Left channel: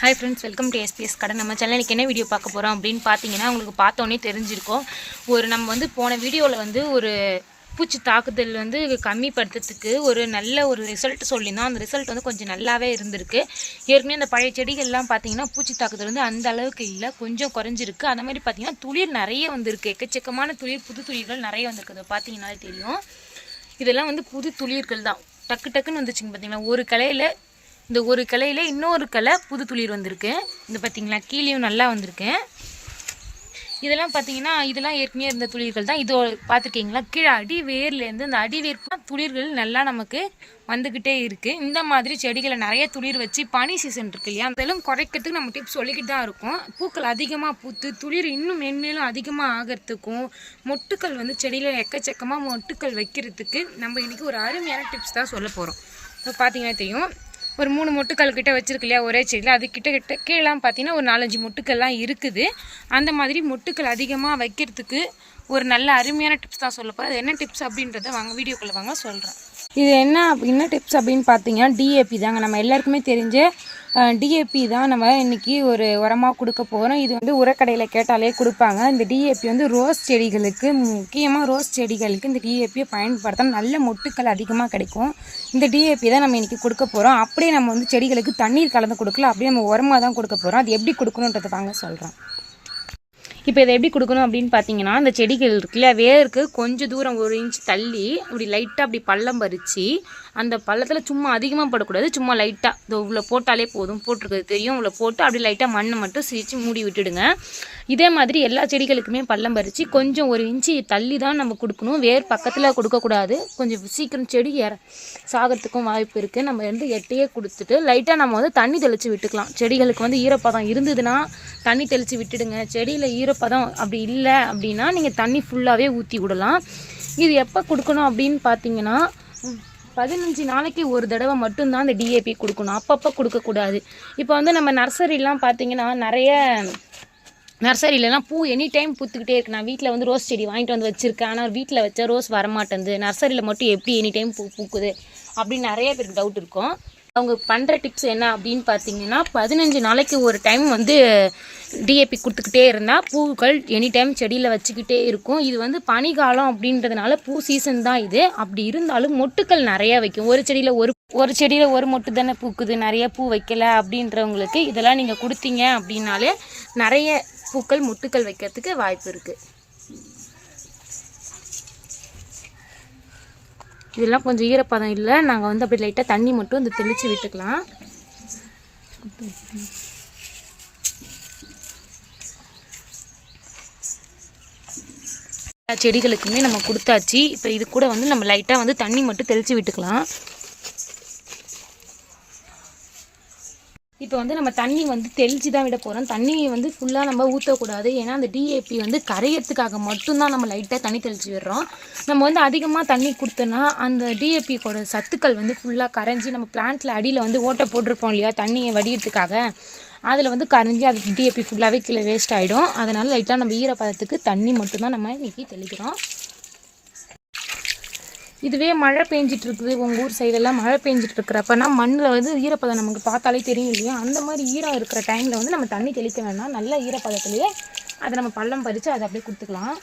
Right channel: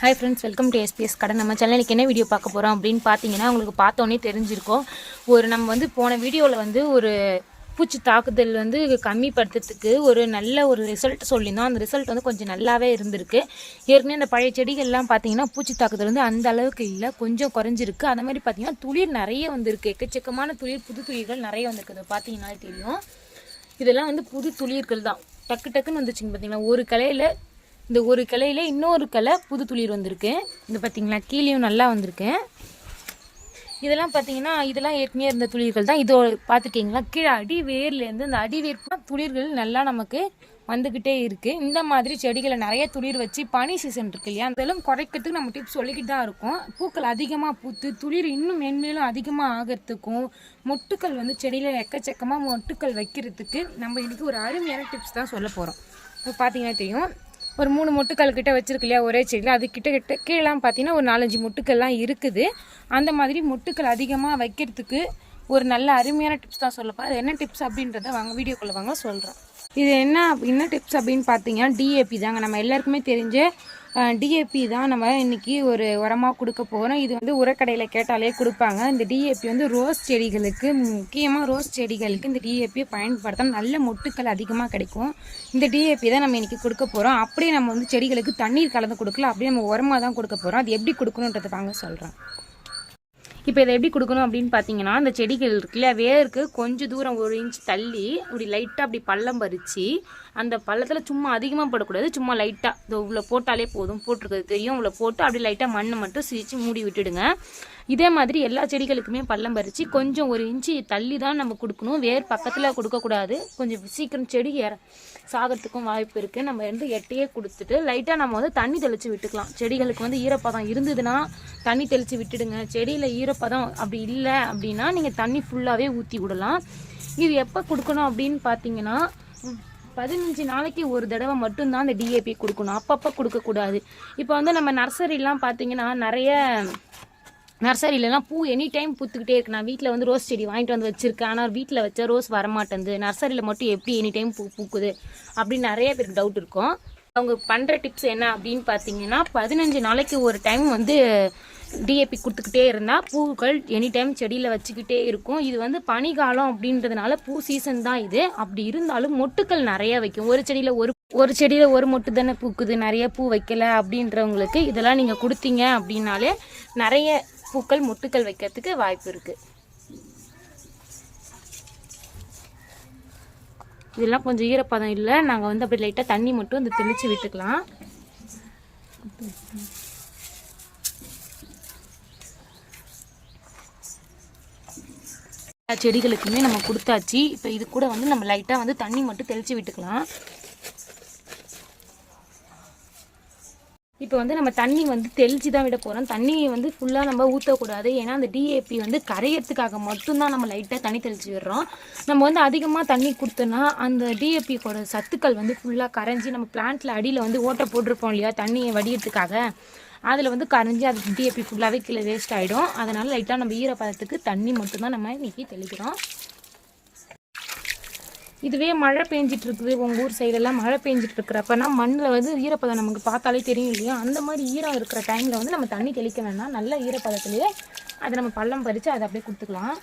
Hi friends, welcome to SBS கடை. நம்ம சேனலுக்கு என்ன வீடியோ பார்க்க போகிறோம் அப்படின்னு பார்த்தீங்கன்னா, உங்களுக்கு பார்த்தோன்னே தெரிஞ்சிருக்கும். நம்ம போன வீடியோவில் ஒரு பூச்சி தாக்குதல் கம்மிப்படுத்துறதுக்கு நல்ல ஒரு ரிசல்ட் சொல்லியிருந்தோம். அந்த ரிசல்ட் கொஞ்சம் நல்லாவே இருந்திருக்கு. ஏற்கனவே அந்த பழைய செடிகள்லாம் பார்த்தீங்கன்னா பூச்சி தாக்குதல் அந்த அளவுக்கு இல்லை, கொஞ்சம் குறைஞ்சிருக்கு. அந்த மாதிரி பார்த்தீங்கன்னா துளிர் நிறைய வந்திருக்கு, எக்கச்சக்கமான துளிர், புது துளிர்கள் நிறைய வந்திருக்கு. அதை பார்த்தீங்கன்னாலே தெரியும். இதெல்லாம் புது துளிர்கள் தான், டக்கு டக்குன்னு வந்துச்சுங்க. பார்த்தீங்கன்னா ஒரு கிளையில் இன்னொரு கிளை புது துளிர் வந்திருக்கு. இந்த பார்த்தீங்களா, கீழேயும் நல்லா வந்திருக்கு. இதெல்லாம் பார்த்தீங்கன்னா இதெல்லாம் ஏற்கனவே இருந்த துளிர்கள் தான். இது பார்த்துருக்கீங்களா, கீழே அடிவேர்லேருந்து அந்த அடிவேர் துளிர்கள் நல்லா நமக்கு வந்துக்கிட்டே இருக்குது. இந்த மாதிரி செடிகளை நிறைய துளிர் வச்சு பனி சீசன் இருக்கு இல்லையா, அதெல்லாம் குறைக்கிறதுக்கு நம்ம டிப்ஸ் சொல்லிக்கிட்டு தான் இருக்கோம். பூக்கள் அதிகமாக பூத்து துளிர் இன்னும் மென்மேலும் அதிகமாக ஆகிறதுக்கும் மொட்டுக்கள் செடியில் எக்கச்சக்கமாக மொட்டுக்கள் வைக்கிறதுக்கு நம்ம இன்றைக்கி ஒரு அருமையான டிப்ஸ் தான் சொல்ல போகிறோம். இப்போ பார்த்தீங்கன்னா தெரியும், ஒரு 3 மொட்டுக்கள் கிட்ட வச்சுருக்கு இல்லையா ஒரே செடியில், அது கிட்ட கீழேலாம் பார்த்தீங்கன்னா ஒரு 4-5 மொட்டுக்கள்லாம் இருக்குது. அந்த மாதிரி மொட்டுக்கள் அதிகமாக வைக்கிறதுக்கு ஒரு நல்ல அருமையான டிப்ஸ் தான் சொல்லப்போம். அது என்ன டிப்ஸ் அப்படின்றத வாங்க வீடியோக்குள்ளே வாங்க சொல்கிறேன். இது என்ன டிப்ஸ் அப்படின்னு பார்த்தீங்கன்னா, டிஏபி தாங்க. நம்ம எல்லாருக்குமே தெரிஞ்ச டிஏபி தான் நம்ம இன்றைக்கி ஒரு உரமாக கொடுக்க போகிறோம். இது உரக்கடையில் கேட்டாலே கொடுப்பாங்க. இந்த டிஏபி ரோஸ் செடிகளுக்கு, முக்கியமாக ரோஸ் செடிகளுக்கு இந்த டிஏபியை பயன்படுத்தினா நல்ல மொட்டுக்கள் அதிகமாக கிடைக்கும். இந்த டிஏபி தான் நம்ம இன்றைக்கி கொடுக்க போகிறோம். அப்படியே நம்ம செடிகளுக்கு தண்ணீர் கலந்து கொடுக்கல, அப்படியே நம்ம உரமாக தான் கொடுக்க போகிறோம். அது எப்படி கொடுக்கணுன்றதை தாங்க சொல்கிறேன். இப்போ இதை எப்படி கொடுக்கணும் அப்படின்னு பார்த்தீங்கன்னா, அந்த செடிகள் இருக்குல்ல, வேருக்கு கொஞ்சம் தூரம் 1 இன்ச் தள்ளி அப்படி லைட்டாக அப்படி பள்ளம் பறித்து, அந்த பள்ளத்தில் சும்மா அதிகமாக போடக்கூடாது, சும்மா லைட்டாக இதோ இவ்வளோ போட்டாலே போதும், போட்டிருக்கிறது தெரியும், இவ்வளோ போட்டு அப்படி லைட்டாக மண்ணை மட்டும் சிரித்து மூடி விட்டுடுங்க. இதே மாதிரி எல்லா செடிகளுக்குமே பள்ளம் பறித்து கொஞ்சம் 1 இன்ச்சு தள்ளி தான் நம்ம கொடுக்கணும். வேர் பக்கத்தில் கொடுக்கக்கூடாது, கொஞ்சம் சீக்கிரம் செடி சாகிறதுக்கும் வாய்ப்பு இருக்குது. நம்ம எட்டையே கொடுத்துட்டு லைட்டாக நம்ம தண்ணி தெளித்து விட்டுக்கலாம். செடிகளுக்கு ஈரப்பதம் இருந்ததுன்னா தண்ணி தெளித்து விட்டுடுங்க. செடியில் ஈரப்பதம் அப்படி இல்லை அப்படின்னா நீங்கள் தண்ணி ஃபுல்லாகவே ஊற்றி விடலாம். இது எப்போ கொடுக்கணும் அப்படின்னு பார்த்தீங்கன்னா, 15 நாளைக்கு ஒரு தடவை மட்டும்தான் அந்த டிஏபி கொடுக்கணும், அப்பப்போ கொடுக்கக்கூடாது. இப்போ நம்ம நர்சரிலாம் பார்த்தீங்கன்னா, நிறைய நர்சரியிலலாம் பூ எனி டைம் பூத்துக்கிட்டே இருக்குது. நான் வீட்டில் ரோஸ் செடி வாங்கிட்டு வச்சுருக்கேன், ஆனால் வீட்டில் வச்ச ரோஸ் வரமாட்டேங்குது, நர்சரியில் மட்டும் எப்படி எனி டைம் பூக்குது அப்படின்னு நிறைய பேருக்கு டவுட் இருக்கும். அவங்க பண்ணுற டிப்ஸ் என்ன அப்படின்னு பார்த்தீங்கன்னா, 15 நாளைக்கு ஒரு டைம் டிஏபி கொடுத்துக்கிட்டே இருந்தால் பூக்கள் எனி டைம் செடியில் வச்சுக்கிட்டே இருக்கும். இது பனிக்காலம் அப்படின்றதுனால பூ சீசன் தான் இது. அப்படி இருந்தாலும் மொட்டுக்கள் நிறையா வைக்கும். ஒரு செடியில் ஒரு மொட்டு தானே பூக்குது, நிறைய பூ வைக்கல அப்படின்றவங்களுக்கு இதெல்லாம் நீங்கள் கொடுத்தீங்க அப்படின்னாலே நிறைய பூக்கள் மொட்டுக்கள் வைக்கிறதுக்கு வாய்ப்பு இருக்குது. இதெல்லாம் கொஞ்சம் ஈரப்பதம் இல்லை, நாங்கள் அப்படி லைட்டாக தண்ணி மட்டும் தெளித்து விட்டுக்கலாம். செடிகளுக்குமே நம்ம கொடுத்தாச்சு. இப்போ இது கூட நம்ம லைட்டாக தண்ணி மட்டும் தெளித்து விட்டுக்கலாம். இப்போ நம்ம தண்ணி தெளித்து தான் விட போகிறோம். தண்ணி ஃபுல்லாக நம்ம ஊற்றக்கூடாது, ஏன்னா அந்த டிஏபி கரையிறதுக்காக மட்டும்தான் நம்ம லைட்டாக தண்ணி தெளித்து விடுறோம். நம்ம அதிகமாக தண்ணி கொடுத்தோன்னா அந்த டிஏபியோட சத்துக்கள் ஃபுல்லாக கரைஞ்சி நம்ம பிளான்ட்டில் அடியில் ஓட்டை போட்டிருப்போம் இல்லையா தண்ணியை வடிகிறதுக்காக, அதில் கரைஞ்சி அது டிஏபி ஃபுல்லாகவே கீழே வேஸ்ட் ஆகிடும். அதனால் லைட்டாக நம்ம ஈரப்பதத்துக்கு தண்ணி மட்டும்தான் நம்ம இன்றைக்கி தெளிக்கிறோம். இதுவே மழை பெஞ்சிட்ருக்குது, உங்கள் ஊர் சைடெல்லாம் மழை பெஞ்சிட்ருக்கிறப்பனா மண்ணில் ஈரப்பதம் நமக்கு பார்த்தாலே தெரியும் இல்லையா, அந்த மாதிரி ஈரம் இருக்கிற டைமில் நம்ம தண்ணி தெளிக்க வேண்டாம். நல்ல ஈரப்பதத்துலேயே அதை நம்ம பள்ளம் பறித்து அதை அப்படியே கொடுத்துக்கலாம்.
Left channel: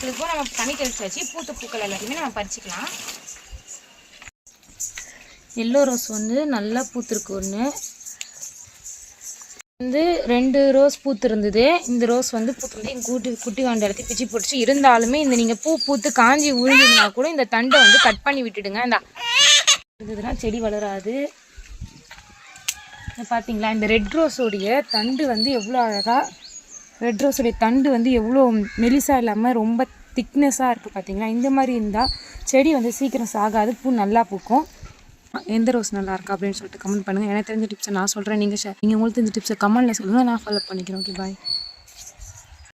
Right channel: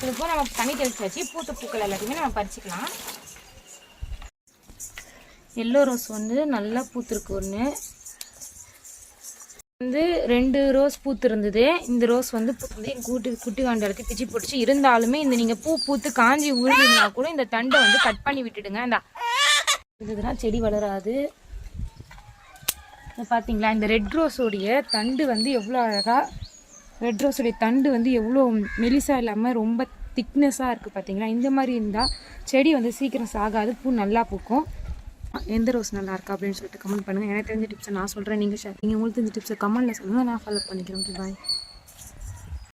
செடிகளுக்கும் நம்ம தண்ணி தெளிச்சு வச்சு பூத்த பூக்கள் எல்லாத்தையுமே நம்ம பறிச்சுக்கலாம். எல்லோ ரோஸ் நல்லா பூத்துருக்கு. ஒன்று 2 ரோஸ் பூத்து இருந்தது. இந்த ரோஸ் பூத்துருந்து குட்டி வாண்ட இடத்துக்கு பிச்சு போட்டுச்சு. இருந்தாலுமே நீங்கள் பூத்து காஞ்சி உழுதுனா கூட இந்த தண்டை கட் பண்ணி விட்டுடுங்க. இந்த இருந்ததுன்னா செடி வளராது. பார்த்தீங்களா, இந்த ரெட் ரோஸோடைய தண்டு எவ்வளோ அழகாக, ரெட் ரோஸுடைய தண்டு எவ்வளோ மெலிசாக இல்லாமல் ரொம்ப திக்னஸாக இருக்குது. பார்த்தீங்களா, இந்த மாதிரி இருந்தால் செடி சீக்கிரம் சாகாது, பூ நல்லா பூக்கும். எந்த ரோஸ் நல்லா இருக்கா அப்படின்னு சொல்லிட்டு கமெண்ட் பண்ணுங்கள். எனக்கு தெரிஞ்ச டிப்ஸை நான் சொல்கிறேன், நீங்கள் உங்களுக்கு தெரிஞ்ச டிப்ஸை கமெண்ட்டில் சொல்லுங்கள், நான் ஃபாலோ பண்ணிக்கிறேன். ஓகே, பாய்.